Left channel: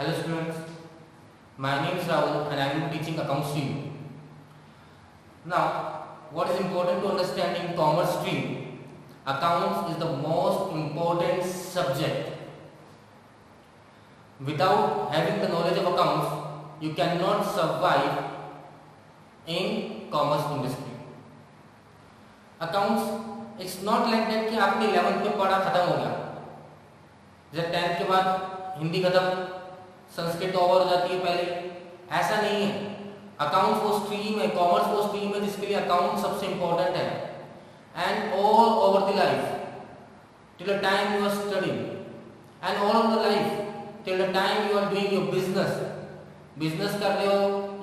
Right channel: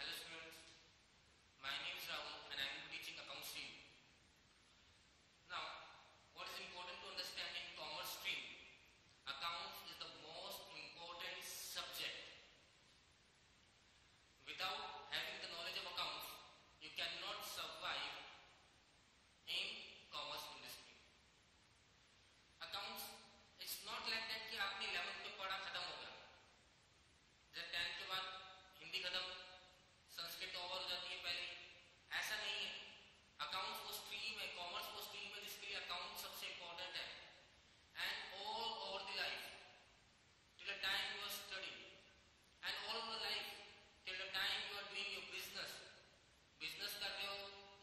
Hello students, my name is Rahul and I will be teaching accounts to you. Now, what is important to understand in commerce stream? Accounts is the most important subject. Without having the knowledge of accounts, you cannot survive in commerce industry. Accounts, it's not like that कि आपने 11th में पढ़ा खत्म हो गया, जब 10th के बाद हिंदी खत्म, संस्कृत ओवर हो जाती है पहले, ऐसा नहीं है. अकाउंट्स वो स्ट्रीम है, कॉमर्स वो स्ट्रीम है जिसके लिए अकाउंट सबसे इंपॉर्टेंट है. And all over the life till the time you are studying and all over the life till the time you are doing your business कर रहे हो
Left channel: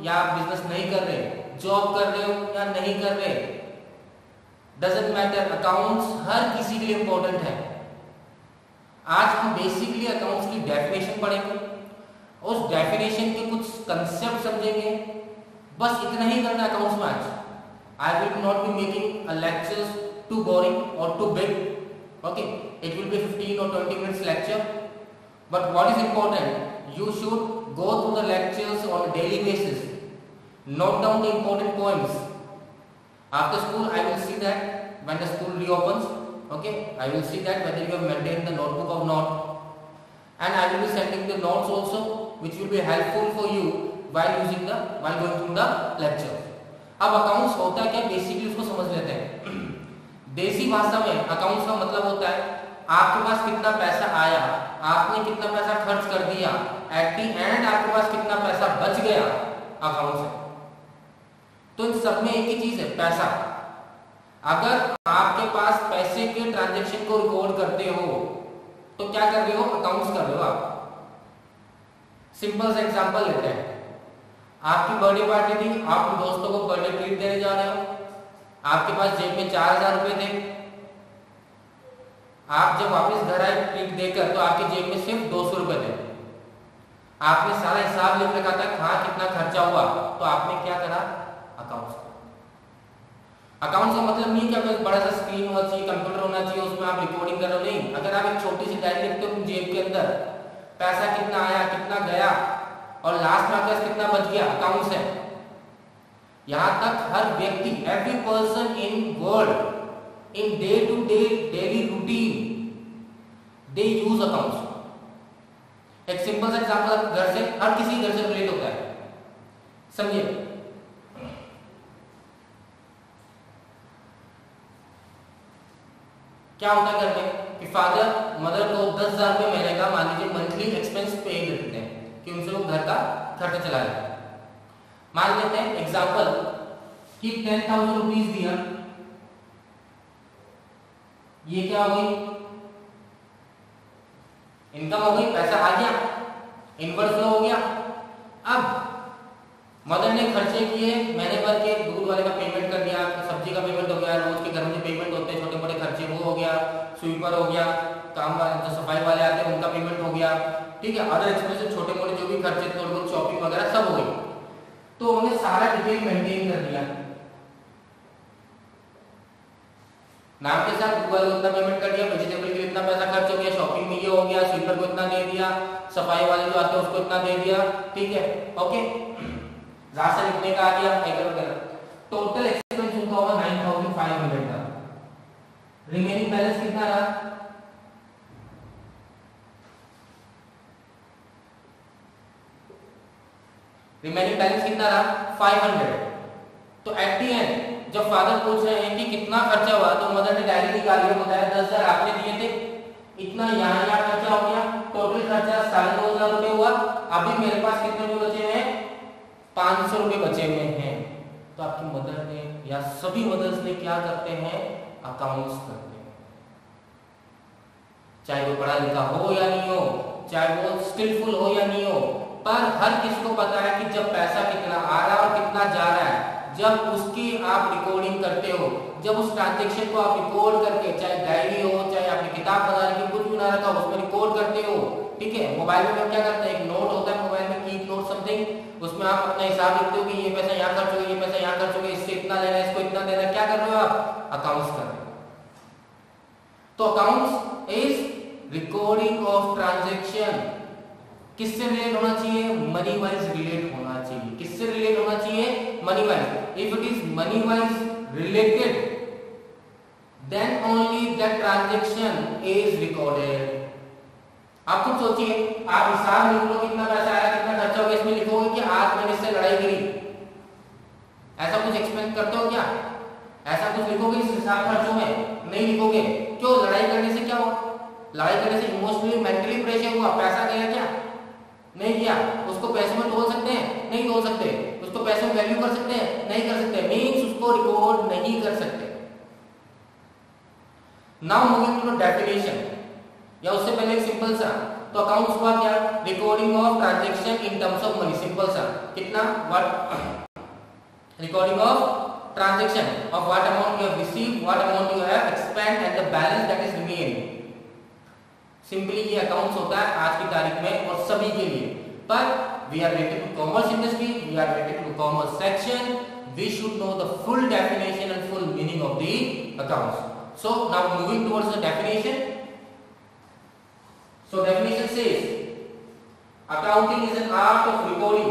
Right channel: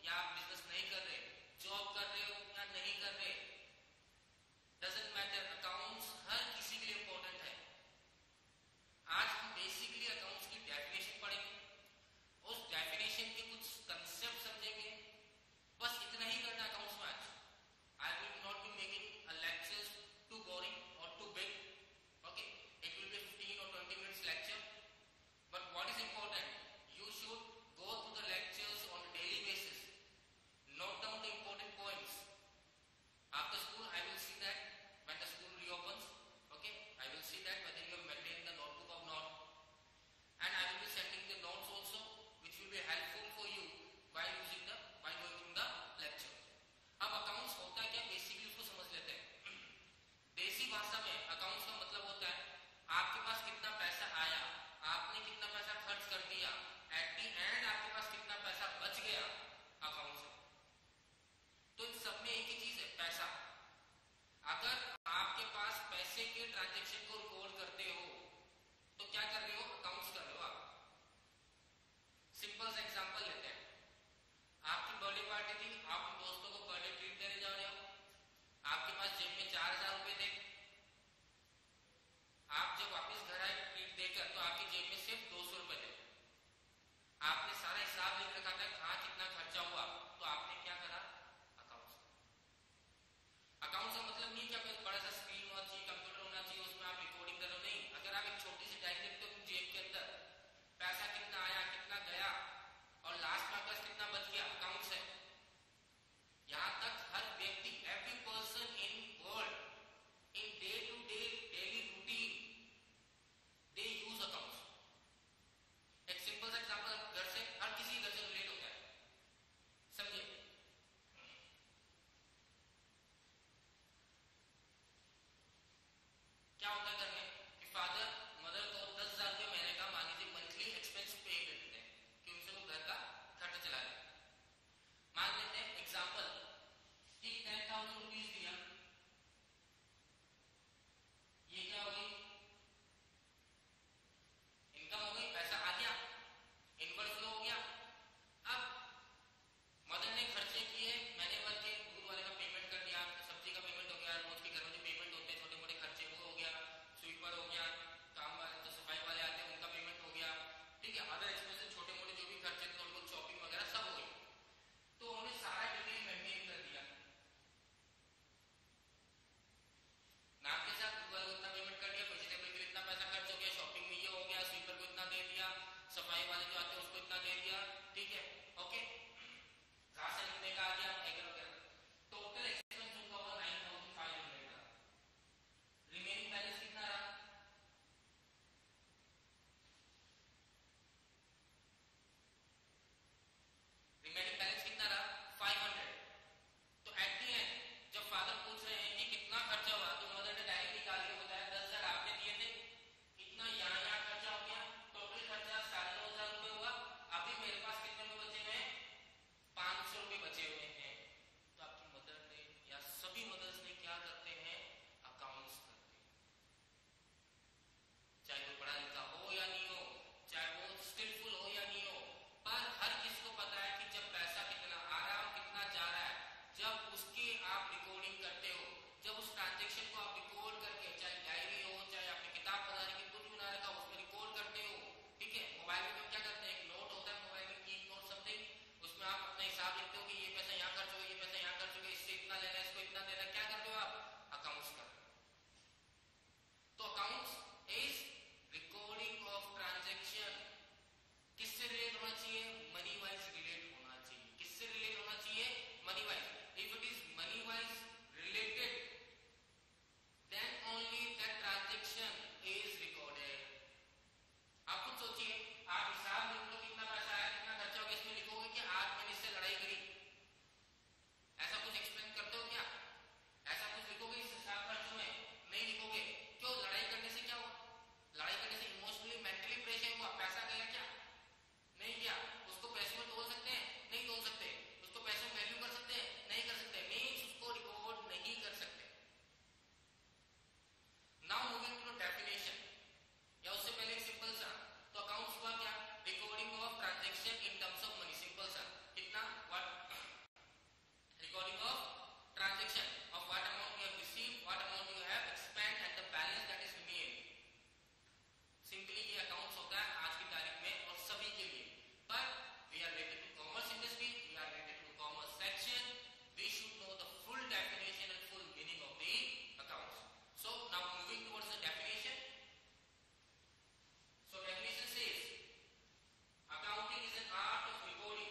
या बिजनेस नहीं कर रहे, जॉब कर रहे हो या नहीं कर रहे, डजंट मैटर, अकाउंट्स हर किसी के लिए इंपॉर्टेंट है. आज हम बेसिकली अकाउंट्स की डेफिनेशन पढ़ेंगे, उस डेफिनेशन के कुछ कंसेप्ट समझेंगे, बस इतना ही करना है अकाउंट्स में आज. I will not be making a lectures too boring और too big. Okay, it will be 15 or 20 minutes lecture, but what is important, you should go through the lectures on a daily basis, note down the important points. After school I will see that when the school reopens, okay, I will see that whether you have maintained the notebook or not, and I will be sending the notes also which will be helpful for you while going through the lecture. अब accounts होता है क्या, basically उसको समझ लेते हैं. देसी भाषा में अकाउंट्स का मतलब होता है आपके पास कितना पैसा आया, आपने कितना पैसा खर्च कर दिया, एट दी एंड आपके पास कितना पैसा बच गया अकाउंट से. तो इन सब में एक ही चीज है, पैसा. अगर आपके पास पैसे के ट्रांजेक्शन को रिकॉर्ड करते हो तो क्या कर रहे हो, अकाउंट्स कर रहे हो आप. सिंपल सा एग्जांपल लेते हैं. आपकी बर्थडे पार्टी थी, आप दोस्तों को बर्थडे ट्रीट देने जा रहे हो, आपके पास जेब में 4000 रुपए थे. आप जब वापस घर आए ट्रीट देकर तो आपकी जेब में सिर्फ 200 रुपए थे. आपने सारा हिसाब लिख रखा था कहाँ कितना खर्चा हुआ, तो आपने क्या करा, अकाउंट्स. अकाउंट्स का मतलब नहीं कि आपके बड़ा सा स्क्रीन होना चाहिए, कंप्यूटर होना चाहिए, उसमें आप रिकॉर्डिंग कर रहे हो, नहीं. अगर आप एक छोटी सी डायरी लिखते हो जेब के अंदर, पैसा कितना आया कितना गया और लास्ट में आपके पास कितना बच गया, अकाउंट्स है. यहां तक हर व्यक्ति, every person in world in day to day daily routine they use accounts. एक सिंपल सा एग्जांपल घर से, हर किसी घर से रिलेट होता है, समझिए. क्या होता है घर में कि फादर मदर को 10,000 रुपये महीने का मान लीजिए मंथली एक्सपेंस पे देते हैं कि उनसे वो घर का खर्चा चला लेते हैं. मान लेते हैं एग्जांपल कि 10,000 रुपीज दिया, ये क्या हो गई, इनकम हो गई, पैसा आ गया, इनवर्ड फ्लो हो गया. अब मदर ने खर्चे किए, महीने भर के दूध वाले का पेमेंट कर दिया, सब्जी का पेमेंट हो गया, रोज के घर में पेमेंट होते हैं छोटे बड़े खर्चे वो हो गया, स्वीपर हो गया, काम वाले जो सफाई वाले आते हैं उनका पेमेंट हो गया, ठीक है, अदर एक्सपेंसेस छोटे मोटे जो भी खर्चे थोड़े बहुत शॉपिंग वगैरह सब हो गई. तो उन्होंने सारा डिटेल मेंटेन कर दिया, नाम के साथ दूध वाले को इतना पेमेंट कर दिया, वेजिटेबल के लिए इतना पैसा खर्च हो गया, शॉपिंग में ये हो गया, स्वीपर को इतना दे दिया, सफाई वाले जो आते हैं उसको इतना दे दिया, ठीक है, ओके. राशन लिखने का आ गया, टोटल एक्सपेंस उनका होगा 9,500 का. रिमेनिंग बैलेंस कितना रहा, रिमेनिंग बैलेंस कितना रहा 500. तो एट दी एंड जब फादर पूछ रहे हैं कि कितना खर्चा हुआ, तो मदर ने डायरी निकाली और बताया 10,000 आपने दिए थे, इतना यहाँ खर्चा हो गया, टोटल खर्चा 2,500 रुपए हुआ. अभी मेरे पास कितने रुपए बचे हैं, 500 रुपए बचे हुए हैं. तो आपकी मदर ने या सभी मदर्स ने क्या करते हैं, अकाउंट्स करते हैं. चाहे वो पढ़ा लिखा हो या नहीं हो, चाहे वो स्किलफुल हो या नहीं हो, पर हर किसी को पता है कि जब पैसा कितना आ रहा है और कितना जा रहा है, जब उसकी आप रिकॉर्डिंग करते हो, जब उस ट्रांजेक्शन को आप रिकॉर्ड करके, चाहे डायरी हो, चाहे आपने किताब बना रखी कुछ भी ना रखा हो, उसमें रिकॉर्ड करते हो, ठीक है. मोबाइल में क्या करते हैं, एक नोट होता है मोबाइल में, कीप नोट समथिंग, उसमें आप अपना हिसाब लिखते हो कि ये पैसा यहाँ खर्च हो गया, ये पैसा यहाँ खर्च हो गया, इससे इतना लेना, इसको इतना देना. क्या कर रहे हो आप, अकाउंट्स कर रहे हो. तो accounts is recording of transaction. किससे रिलेट होना चाहिए? मनी वाइज रिलेट होना चाहिए। किससे रिलेट होना चाहिए? Money wise. If it is money wise related then only that transaction is recorded. आप खुद सोचिए, आप हिसाब लिख लो कितना पैसा आया कितना खर्चा हो गया, इसमें लिखोगे कि आज मैंने इससे लड़ाई करी, ऐसा कुछ एक्सपेक्ट करते हो क्या? ऐसा कुछ लिखोगे इस हिसाब खर्चों में? नहीं लिखोगे। क्यों? लड़ाई करने से क्या हुआ? लड़ाई करने से इमोशनली मेंटली प्रेशर हुआ, पैसा गया क्या? नहीं किया। उसको पैसों में तोल सकते हैं? नहीं तोल सकते। उसको पैसों में वैल्यू कर सकते हैं? नहीं कर सकते। मींस उसको रिकॉर्ड नहीं कर सकते। Now moving to the definition, या उससे पहले एक सिंपल सा, तो अकाउंट्स हुआ क्या? Recording of transaction in terms of money. Simple सा, कितना? What? Recording of transaction of what amount you have received, what amount you have expend and the balance that is remain. Simply ये accounts होता है आज की तारीख में और सभी के लिए। पर we are related to commerce industry, we are related to commerce section, we should know the full definition and full meaning of the accounts. So now moving towards the definition. So definition says accounting is an art of recording.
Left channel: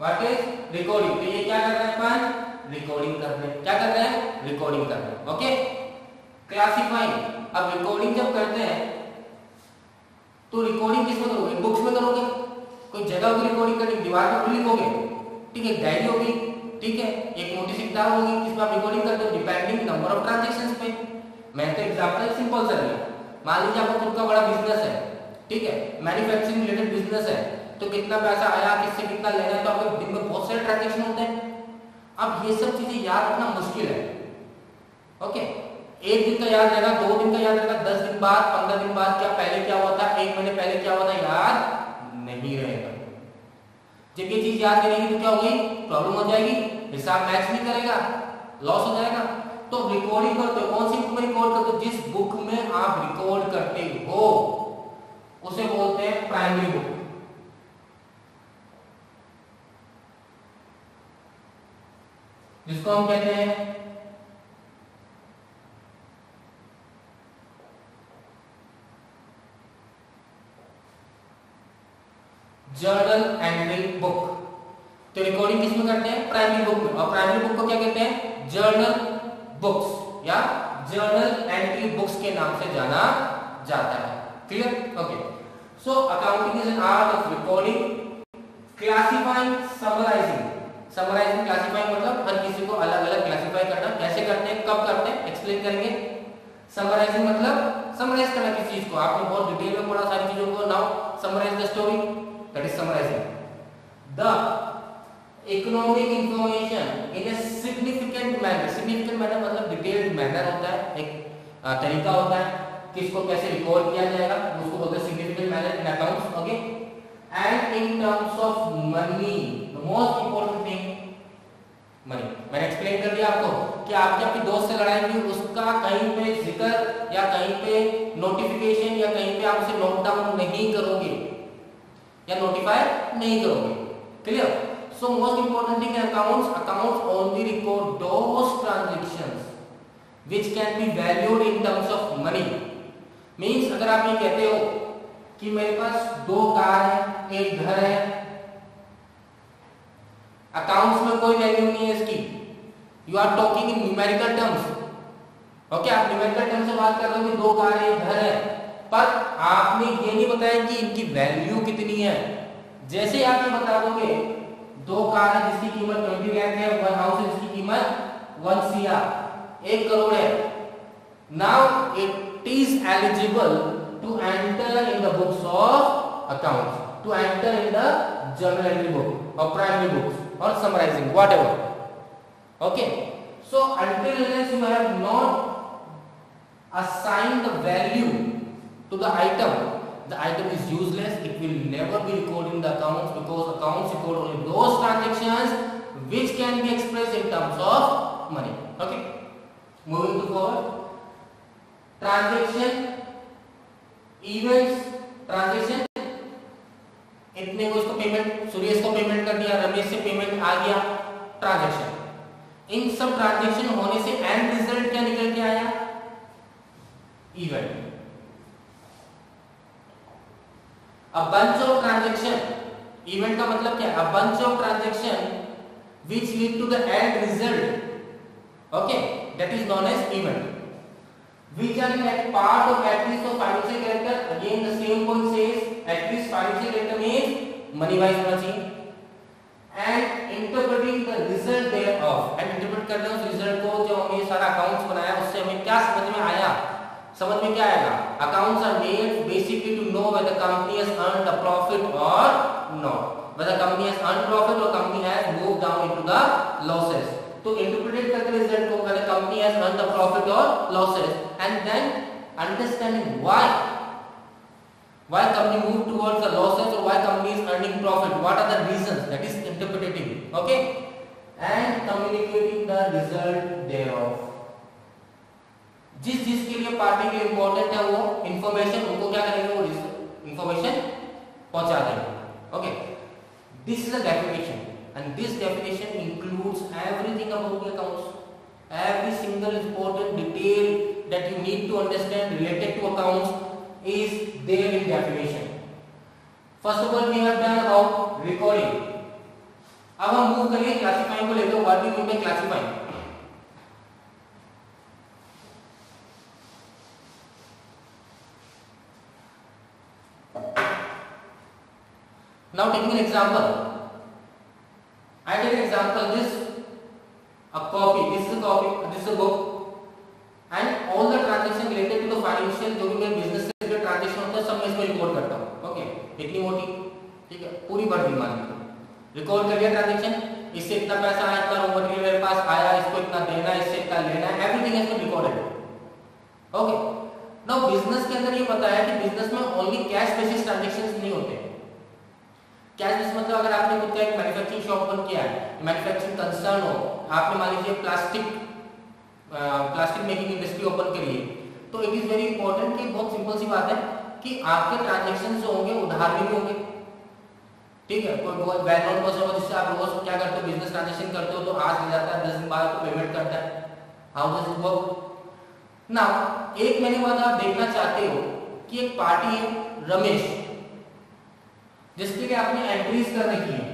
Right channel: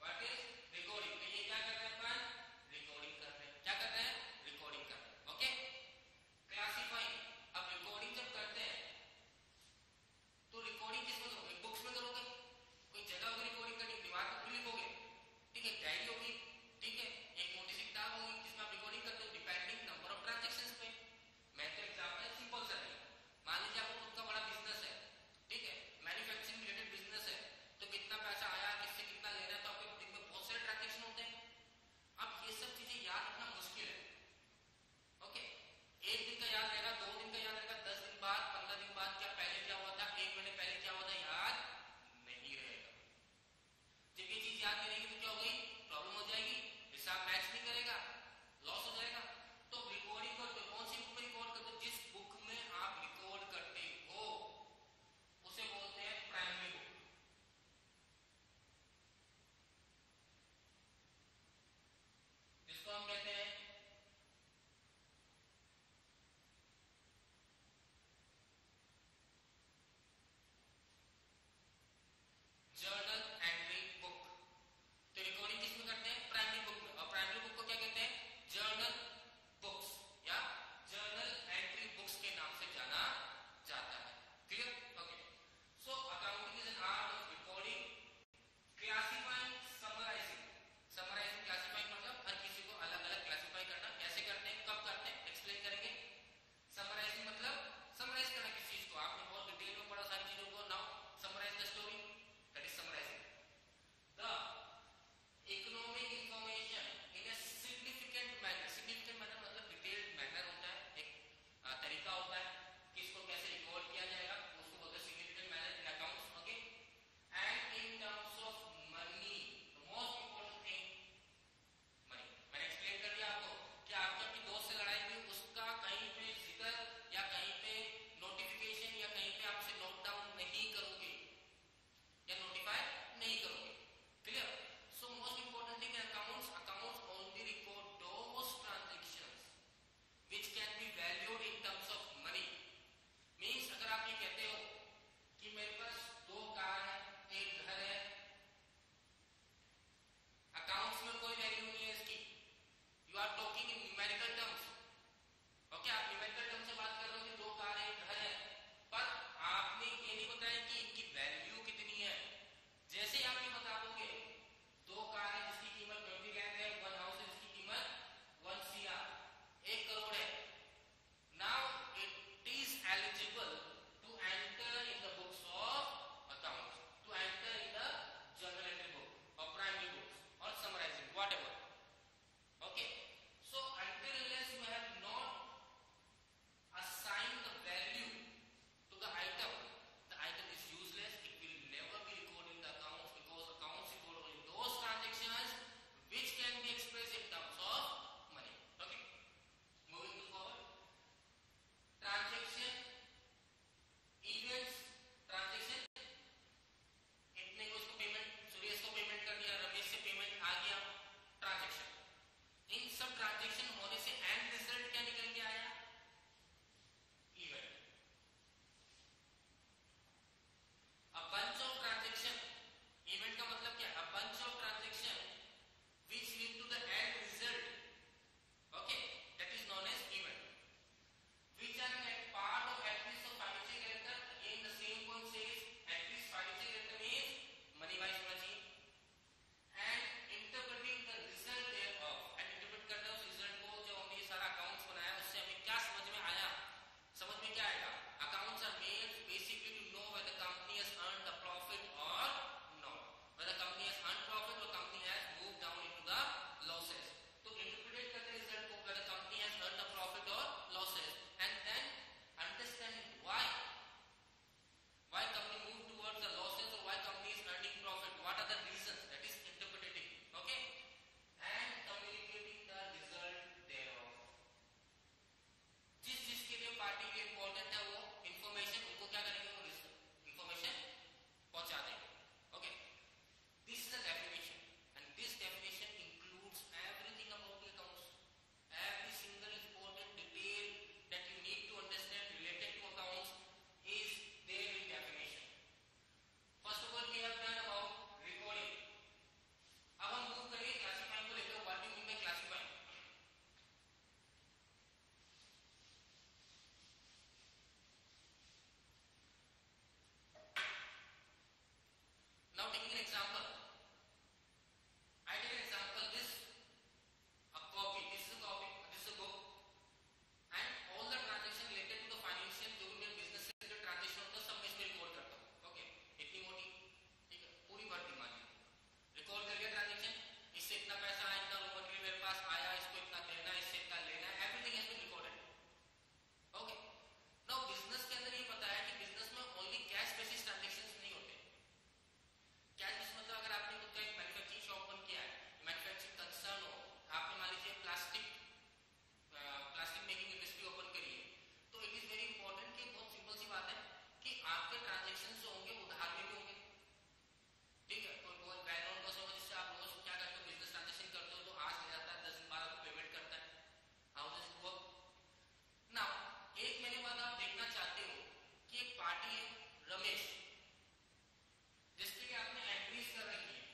What is recording? तो ये क्या कर रहे हैं अपन? Recording कर रहे हैं। क्या कर रहे हैं? रिकॉर्डिंग कर रहे हैं। ओके। क्लासिफाइंग, अब रिकॉर्डिंग जब करते हैं तो रिकॉर्डिंग किसमें करोगे? बुक्स में करोगे? कोई जगह की रिकॉर्डिंग करनी, दीवार पर लिखोगे, ठीक है, डायरी होगी, ठीक है, एक मोटी सी किताब होगी, जिसमें आप रिकॉर्डिंग करते हो डिपेंडिंग नंबर ऑफ ट्रांजैक्शंस पे। मैं तो एग्जांपल सिंपल सा लिया। मान लीजिए आपका खुद का बड़ा बिजनेस है, ठीक है, मैन्युफैक्चरिंग रिलेटेड बिजनेस है, तो कितना पैसा आया, किससे कितना लेना है, तो आपके दिन में बहुत सारे ट्रांजैक्शन होते हैं। अब ये सब चीजें याद रखना मुश्किल है। ओके, एक दिन का याद रहेगा, 2 दिन का याद रहेगा, 10 दिन बाद, 15 दिन बाद क्या पहले क्या हुआ था, 1 महीने पहले क्या हुआ था, याद नहीं रहेगा। जब ये चीज याद नहीं रहेगी तो क्या होगी? प्रॉब्लम हो जाएगी, हिसाब मैच नहीं करेगा, लॉस हो जाएगा। तो रिकॉर्डिंग करते हो, कौन सी बुक में रिकॉर्ड करते हो? जिस बुक में आप रिकॉर्ड करते हो उसे बोलते हैं प्राइमरी बुक। जिसको हम कहते हैं जर्नल एंट्री बुक। तो रिकॉर्डिंग किसमें करते हैं? प्राइमरी बुक में। और प्राइमरी बुक को क्या कहते हैं? जर्नल बुक्स या जर्नल एंट्री बुक्स के नाम से जाना जाता है। Clear? Okay. So accounting is an art of recording, classifying, summarising. Summarising, classifying मतलब हर किसी को अलग अलग क्लासिफाई करना। कैसे करते हैं, कब करते हैं, एक्सप्लेन करेंगे। समराइजिंग मतलब समराइज करना किसी चीज को। आपने बहुत डिटेल में पढ़ा सारी चीजों को। Now summarise the story, that is summarising the economic information in a significant manner. Significant manner मतलब डिटेल्ड मैनर होता है, एक तरीका होता है किसको कैसे रिकॉर्ड किया जाएगा, उसको बोलते हैं significant manner in accounts. Okay, and in terms of money, the most important thing money. मैंने एक्सप्लेन कर दिया आपको कि आपके अपने दोस्त से लड़ाई हुई, उसका कहीं पे जिक्र या कहीं पे नोटिफिकेशन या कहीं पे आप उसे नोट डाउन नहीं करोगे या नोटिफाई नहीं करोगे। Clear? So most important thing accounts only record those transactions which can be valued in terms of money. Means अगर आप ये कहते हो कि मेरे पास 2 कार है, एक घर है, अकाउंट्स में कोई वैल्यू नहीं है इसकी, you are talking in numerical terms. Okay, आप न्यूमेरिकल टर्म्स से बात कर रहे हो कि 2 कार है, एक घर है, पर आपने ये नहीं बताया कि इनकी वैल्यू कितनी है। जैसे आप ये बता दोगे 2 कार है जिसकी कीमत 20 लाख है, 1 हाउस है जिसकी कीमत 1 CR, 1 करोड़ है, now it is eligible to enter in the books of accounts, to enter in the journal entry book और primary books or summarizing whatever. Okay, so until unless you have not assigned the value to the item is useless. It will never be recorded in the accounts because accounts record only those transactions which can be expressed in terms of money. Okay, moving to forward, transaction events, transaction, इतने को इसको payment, Suresh को payment कर दिया, रमेश से payment आ गया, transaction. इन सब transaction होने से एंड रिजल्ट क्या निकल के आया? Event. A bunch of transaction, event का मतलब क्या है? A bunch of transaction which lead to the end result, okay, that is known as event. Which are in part of at least of financial character. Again the same point says at least financial character means money wise होना चाहिए. And interpreting the result thereof, and interpret कर रहे हैं उस result को, जो हमने सारा accounts बनाया उससे हमें क्या समझ में आया? समझ में क्या आएगा? Accounts are made basically to know whether company has earned a profit or not. Whether company has earned profit or company has moved down into the losses. तो interpret करके result को whether company has earned the profit or losses, and then understanding why company moved towards the losses or why company is earning profit. What are the reasons? That is interpreting. Okay, and communicating the result thereof. जिस के लिए party के important है वो information उनको क्या करेंगे, वो इंफॉर्मेशन पहुंचा देंगे. Okay, this is a definition and this definition includes everything about the accounts. Every single important detail that you need to understand related to accounts is there in definition. First of all we have done about recording. अब हम move करेंगे classifying को लेकर. What do you mean by classifying? Now taking an example, I take an example. This a copy. This is a copy. This is a book, and all the transaction related to the financial जो भी मैं business से related transaction होता है सब मैं इसमें record करता हूँ. ओके, इतनी मोटी, ठीक है, पूरी भर दी मान लीजिए. रिकॉर्ड कर लिया ट्रांजेक्शन, इससे इतना पैसा आया, इतना रॉ मटेरियल मेरे पास आया, इसको इतना देना, इससे इतना लेना, everything is recorded. Okay, now business के अंदर ये पता है कि बिजनेस में ओनली कैश बेसिस ट्रांजैक्शंस नहीं होते. कैश बेसिस मतलब अगर आपने खुद का एक मैन्युफैक्चरिंग शॉप ओपन किया है, मैन्युफैक्चरिंग कंसर्न हो, आपने मान लीजिए प्लास्टिक मेकिंग इंडस्ट्री ओपन करी है, तो इट इज वेरी इंपॉर्टेंट कि बहुत सिंपल सी बात है कि आपके ट्रांजैक्शन जो होंगे उधार में भी होंगे. ठीक है, कोई बहुत वेल नोन पर्सन हो जिससे आप रोज क्या करते हो, बिजनेस ट्रांजैक्शन करते हो, तो आज ले जाता है 10 दिन बाद आपको पेमेंट करता है. How does it work? Now एक महीने बाद आप देखना चाहते हो कि एक पार्टी है रमेश, जिसके लिए आपने एंट्रीज कर रखी है.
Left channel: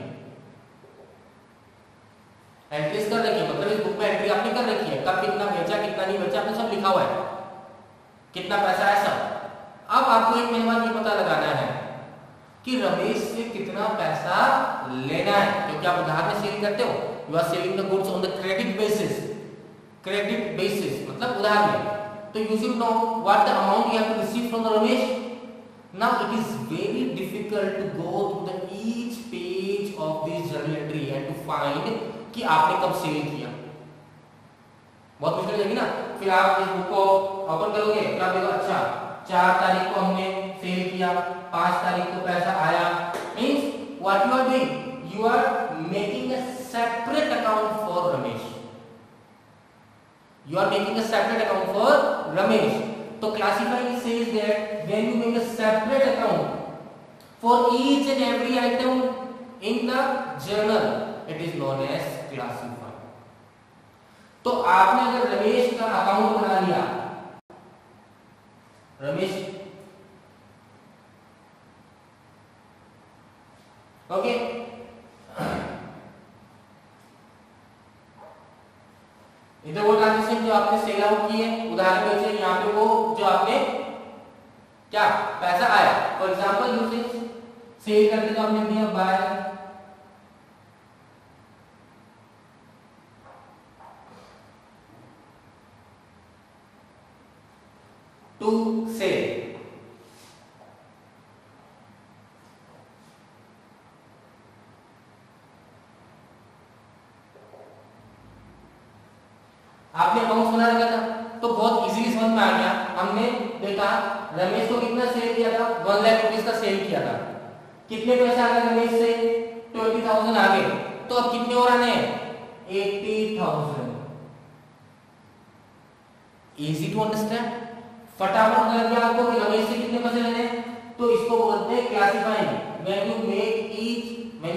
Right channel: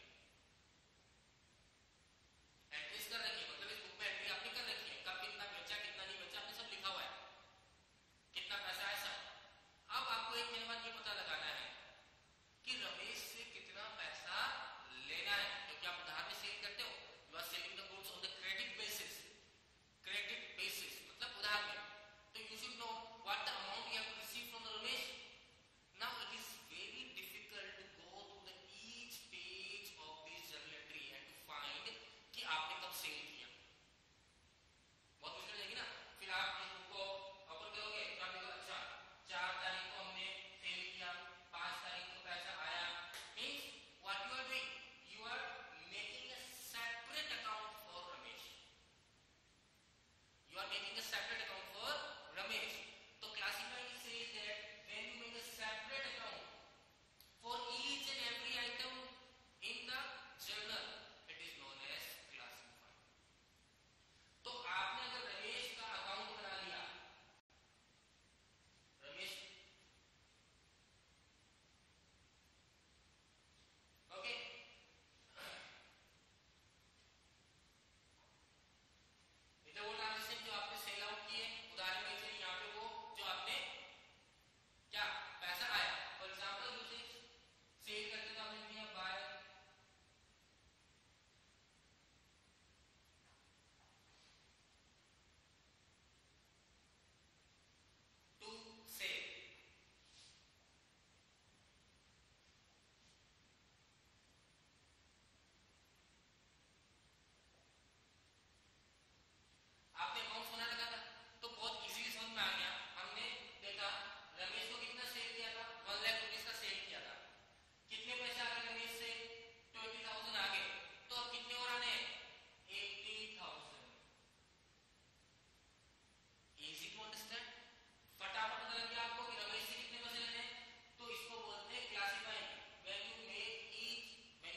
एंट्रीज कर रखी है मतलब इस बुक में एंट्री आपने कर रखी है, कब कितना बेचा, कितना नहीं बेचा, आपने सब लिखा हुआ है, कितना पैसा है सब. अब आपको एक महीने बाद ये पता लगाना है कि रमेश से कितना पैसा लेना है, क्योंकि आप उधार में सेल करते हो. You are selling the goods on the credit basis. Credit basis मतलब उधार में. तो you should know what the amount you have to receive from the Ramesh. Now it is very difficult to go through the each page of this journal entry and to find कि आपने कब cell किया. बहुत मुश्किल हो जाएगी ना. फिर आप इस बुक को ओपन करोगे, फिर आप देखो अच्छा 4 तारीख को हमने सेल किया, 5 तारीख को पैसा आया. Means what you are doing, you are making a separate account for Ramesh. You are making a separate account for Ramesh. So classifying says that when you make a separate account for each and every item in the journal, it is known as classifying. तो आपने अगर रमेश का account बना लिया, Ramesh, okay, इधर वो transaction जो आपने सेल आउट किए, उदाहरण के लिए यहाँ पे वो जो आपने क्या पैसा आया. फॉर एग्जांपल यूजिंग सेल करके तो हमने दिया बाय टू सेल. आपने अकाउंट बना रखा था तो बहुत इजीली समझ में आ गया. हमने देखा रमेश को कितना सेल किया था, 1 लाख रुपीस का सेल किया था. कितने पैसे आ गए रमेश से, 20,000 आ गए. तो अब कितने और आने हैं, 80,000. Easy to understand. फटाफट पता लग गया आपको कि रमेश से कितने पैसे लेने हैं. तो इसको बोलते हैं classifying. When you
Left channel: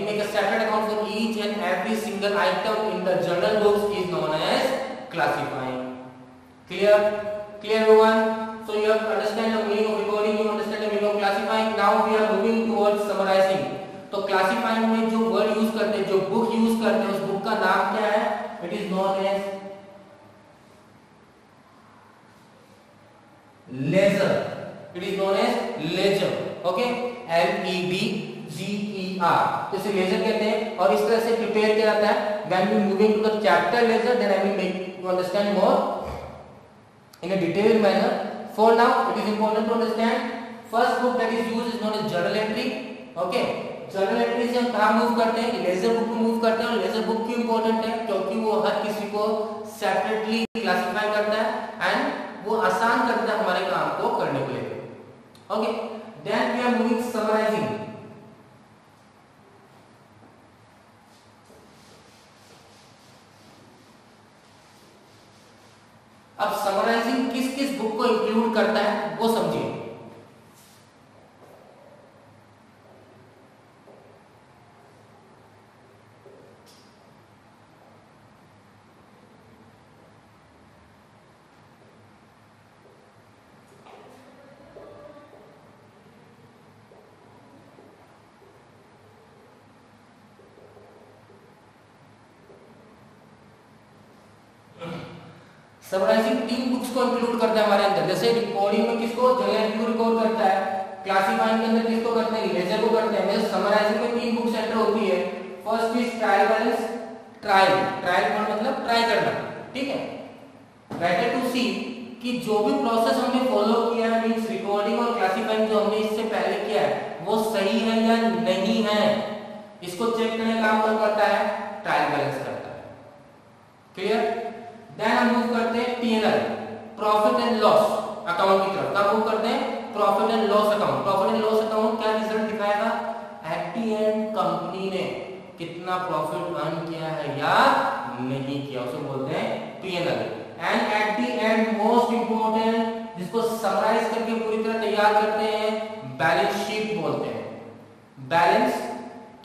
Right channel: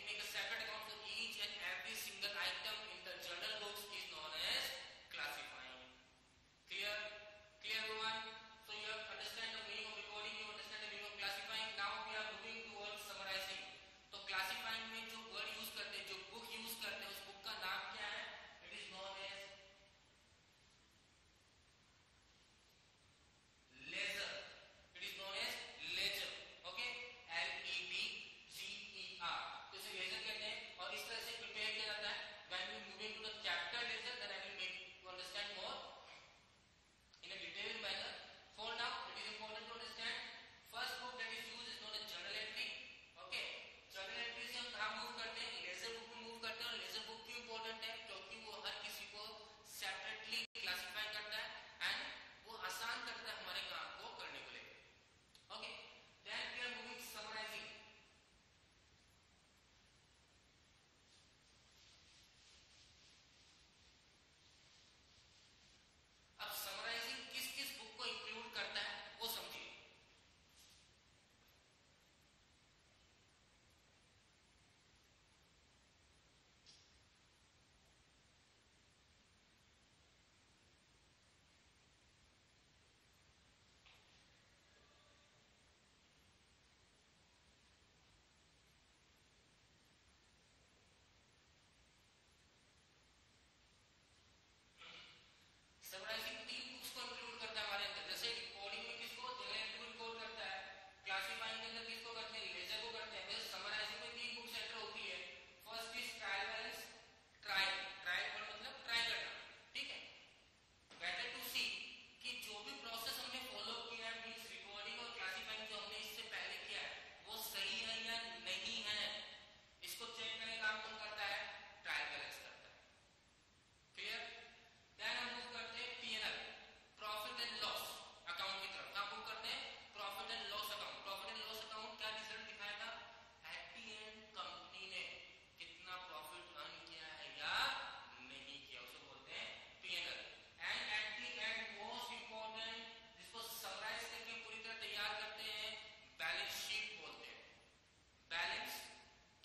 make a separate account for each and every single item in the journal books is known as classifying. Clear everyone? So you have to understand the meaning of recording, you understand the meaning of classifying. Now we are moving to ledger, it is known as ledger, okay, LEBGER, तो इसे laser कहते हैं और इस तरह से prepare किया जाता है। When we moving to the chapter ledger then I will make you understand more in a detailed manner. For now it is important to understand first book that is used is known as journal entry, okay, journal entry से हम कहाँ move करते हैं, laser book में move करते हैं। और laser book क्यों इंपॉर्टेंट है, क्योंकि वो हर किसी को सेपरेटली क्लासिफाई करता है एंड वो आसान करता है हमारे काम को करने के लिए, okay. Then we are moving summarising. अब समराइजिंग किस किस बुक को इंक्लूड करता है वो समझिए। समराइजिंग 3 बुक्स को इंक्लूड करता है हमारे अंदर। जैसे रिकॉर्डिंग में किसको, जर्नल को रिकॉर्ड करता है, क्लासिफाइंग के अंदर किसको करते हैं, लेजर को करते हैं। वैसे समराइजिंग में 3 बुक्स एंटर होती है। First is trial balance, trial मतलब ट्राई करना, ठीक है। बेटर टू सी कि जो भी प्रोसेस हमने फॉलो किया है, मींस रिकॉर्डिंग और क्लासिफाइंग जो हमने इससे पहले किया है वो सही है या नहीं है, इसको चेक करने का काम कौन करता है, ट्रायल बैलेंस करता है, क्लियर। देन हम मूव करते हैं P&L, profit and loss account की तरफ। कब मूव करते हैं, profit and loss account. Profit and loss account क्या रिजल्ट दिखाएगा, एट द एंड कंपनी ने कितना प्रॉफिट अर्न किया है या नहीं किया, उसे बोलते हैं P&L। And at the end most important, जिसको समराइज करके पूरी तरह तैयार करते हैं, बैलेंस शीट बोलते हैं। बैलेंस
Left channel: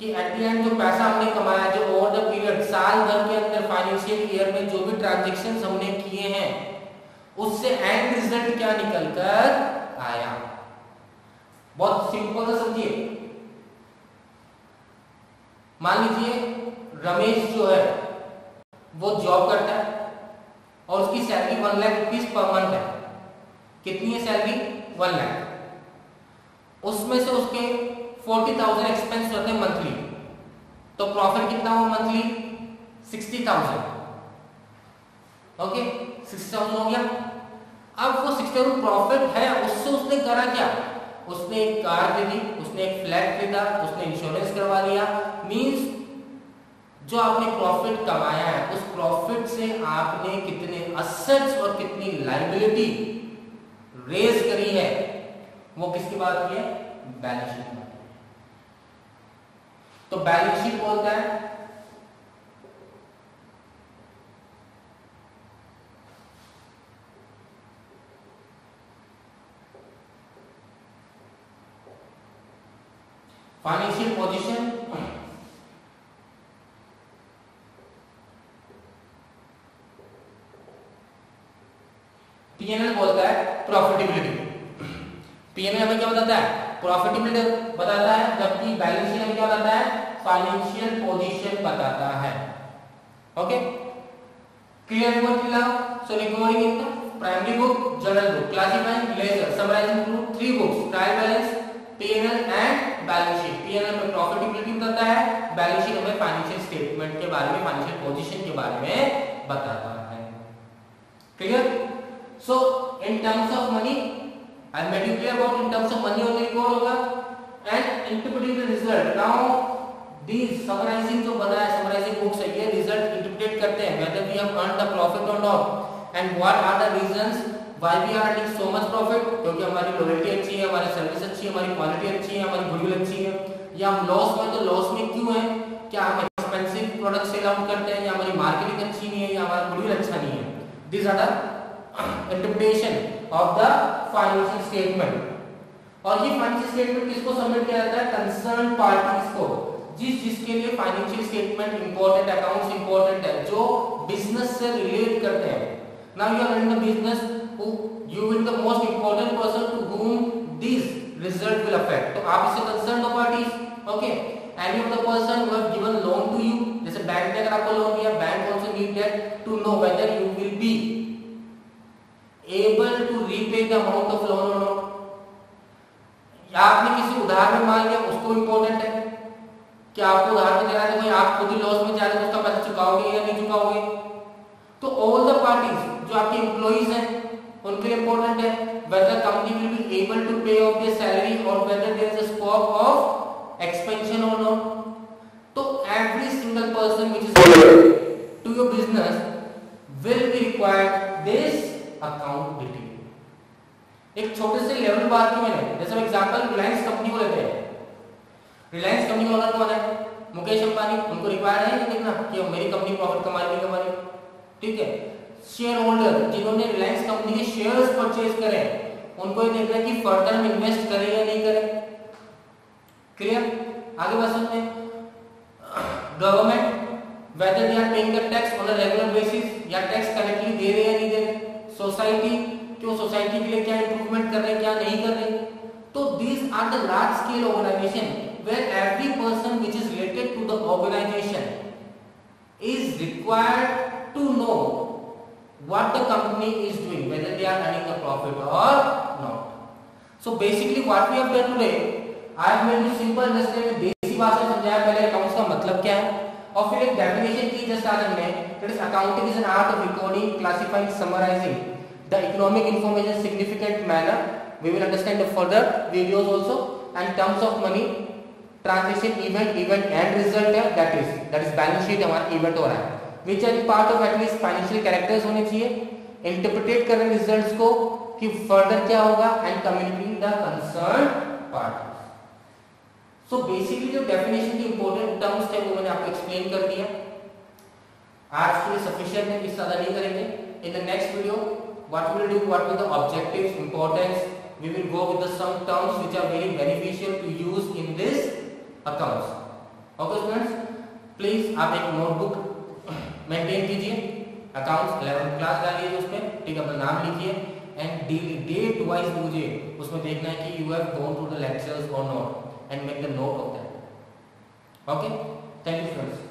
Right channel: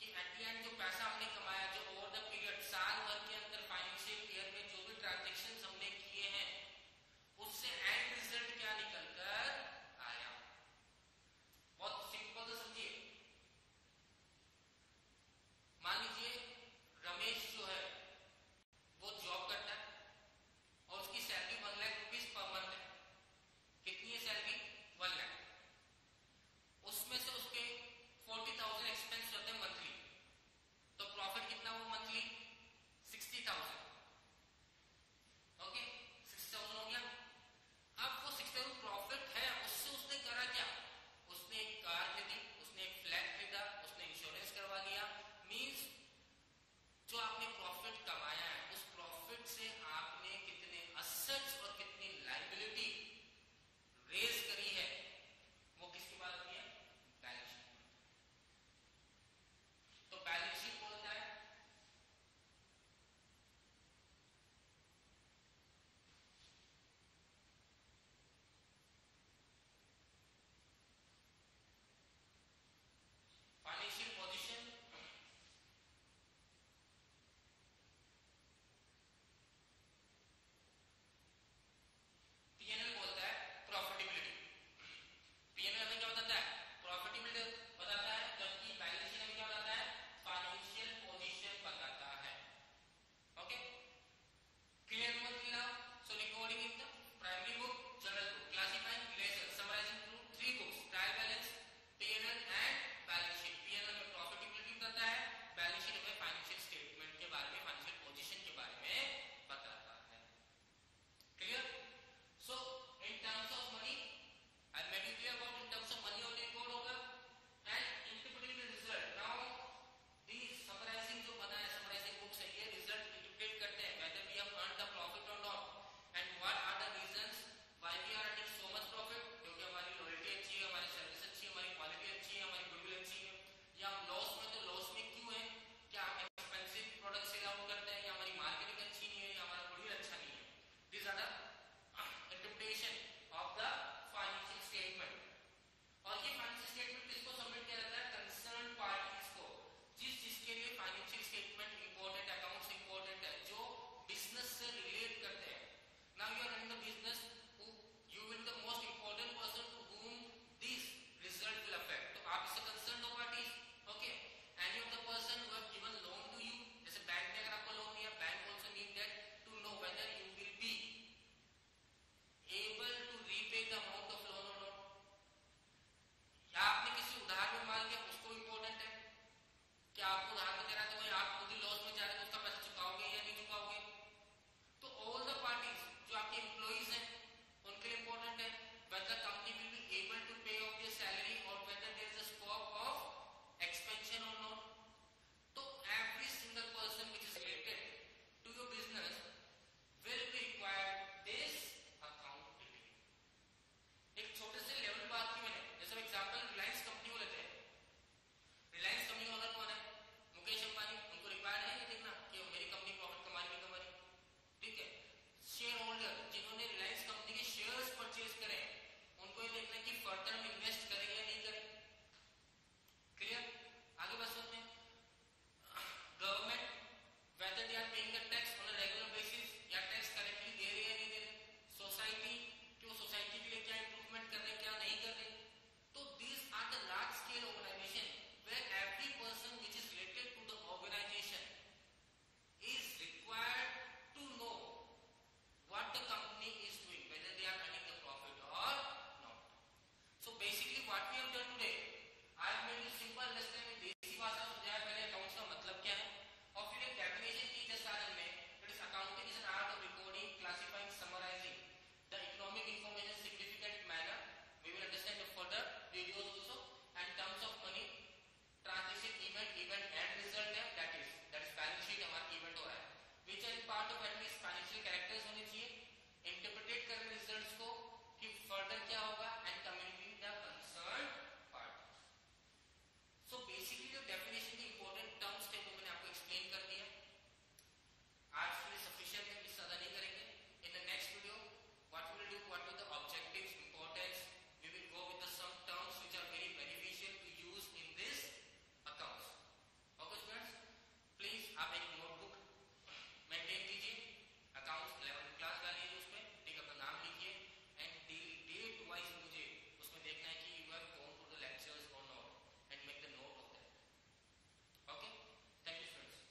कि एट द एंड जो पैसा हमने कमाया, जो ओवर द पीरियड साल भर के अंदर फाइनेंशियल ईयर में जो भी ट्रांजैक्शंस हमने किए हैं उससे एंड रिजल्ट क्या निकल कर आया। बहुत सिंपल सा समझिए। मान लीजिए रमेश जो है वो जॉब करता है और उसकी salary 1 lakh rupees per month है। कितनी है सैलरी, 1 लाख। उसमें से उसके 40,000 एक्सपेंस होते हैं मंथली, तो प्रॉफिट कितना हुआ मंथली, 60,000, ओके, 60,000 हो गया। अब वो 60,000 प्रॉफिट है, उससे उसने करा क्या, उसने एक कार दे दी, उसने एक फ्लैट खरीदा, उसने इंश्योरेंस करवा लिया। मींस जो आपने प्रॉफिट कमाया है उस प्रॉफिट से आपने कितने असेट्स और कितनी लायबिलिटी रेज करी है, वो किसकी बात की है, बैलेंस शीट। तो बैलेंस शीट बोलता है फाइनेंशियल पोजीशन, P&L बोलता है प्रॉफिटेबिलिटी। P&L हमें क्या बताता है, प्रॉफिटेबिलिटी बताता है, जबकि बैलेंस शीट हमें क्या बताता है, फाइनेंशियल पोजीशन बताता है, ओके। क्लियर हुआ कि so recording in the primary book, journal book, classifying, ledger, summarising through 3 books, trial balance, P&L and balance sheet. P&L में प्रॉफिटेबिलिटी बताता है, बैलेंस शीट हमें फाइनेंशियल स्टेटमेंट के बारे में, फाइनेंशियल पोजीशन के बारे में बताता है, clear. So in terms of money I made you clear about in terms of money only record होगा and interpreting the result. Now these summarizing जो बना है, summarizing books है, ये result interpret करते हैं whether we have earned the profit or not and what are the reasons why we are earning so much profit, क्योंकि हमारी loyalty अच्छी है, हमारी सर्विस अच्छी है, हमारी क्वालिटी अच्छी है, हमारी गुडविल अच्छी है, या हम लॉस में, तो लॉस में क्यों है, क्या हम एक्सपेंसिव प्रोडक्ट सेल आउट करते हैं, या हमारी मार्केटिंग अच्छी नहीं है, या हमारा गुडविल अच्छा नहीं है। These are the interpretation of the financial statement. और ये फाइनेंशियल स्टेटमेंट किसको सबमिट किया जाता है, कंसर्न पार्टीज को, जिसके लिए financial statement important, accounts important है, जो बिजनेस से रिलेट करते हैं। Now you are running the business, you will the most important person to whom this result will affect. तो आप इससे कंसर्न हो parties, okay. Any of the person who have given loan to you, जैसे bank ने अगर आपको loan दिया, bank also need that to know whether you will be able to repay the amount of account detail. एक छोटे से level बात की मैंने, जैसे एग्जांपल रिलायंस कंपनी को लेते हैं। रिलायंस कंपनी का ओनर कौन है? मुकेश अंबानी। उनको रिक्वायर्ड है कि देखना कि मेरी कंपनी प्रॉफिट कमा रही है, ठीक है। शेयर होल्डर जिन्होंने रिलायंस कंपनी के शेयर्स परचेज करे, उनको ये देखना कि फर्दर में इन्वेस्ट करें या नहीं करें। क्लियर? आगे बढ़ सकते हैं। Government whether they are paying the tax on a regular basis, या टैक्स करेक्टली दे रहे या नहीं दे रहे। सोसाइटी क्यों, सोसाइटी के लिए क्या इंप्रूवमेंट कर रहे हैं, क्या नहीं कर रहे। तो these are the large scale organization where every person which is related to the organization is required to know what the company is doing, whether they are earning a profit or not. So basically what we have done today, I have made it simple, understand, देसी भाषा में समझाया पहले accounts का मतलब क्या है, और फिर एक डेफिनेशन की जस्ट आज हमने, that is accounting is an art of recording, classifying, summarizing the economic information in significant manner. We will understand the further videos also, and terms of money, transaction, event and result है, that is balance sheet हमारा event हो रहा है, which are part of at least financial characters होने चाहिए, interpret कर रहे हैं results को कि further क्या होगा, and communicating the concerned parties. So basically जो definition की important terms थे वो मैंने आपको explain कर दिया। आज के लिए sufficient है, इससे ज़्यादा नहीं करेंगे। In the next video, what we will do, what will the objectives, importance, we will go with the some terms which are very beneficial to use in this accounts. Okay students, please आप एक notebook maintain कीजिए, accounts 11th class डालिए उसमें, ठीक है, अपना नाम लिखिए, and date wise मुझे उसमें देखना है कि you have gone through the lectures or not, and make the note of that. Okay, thank you friends.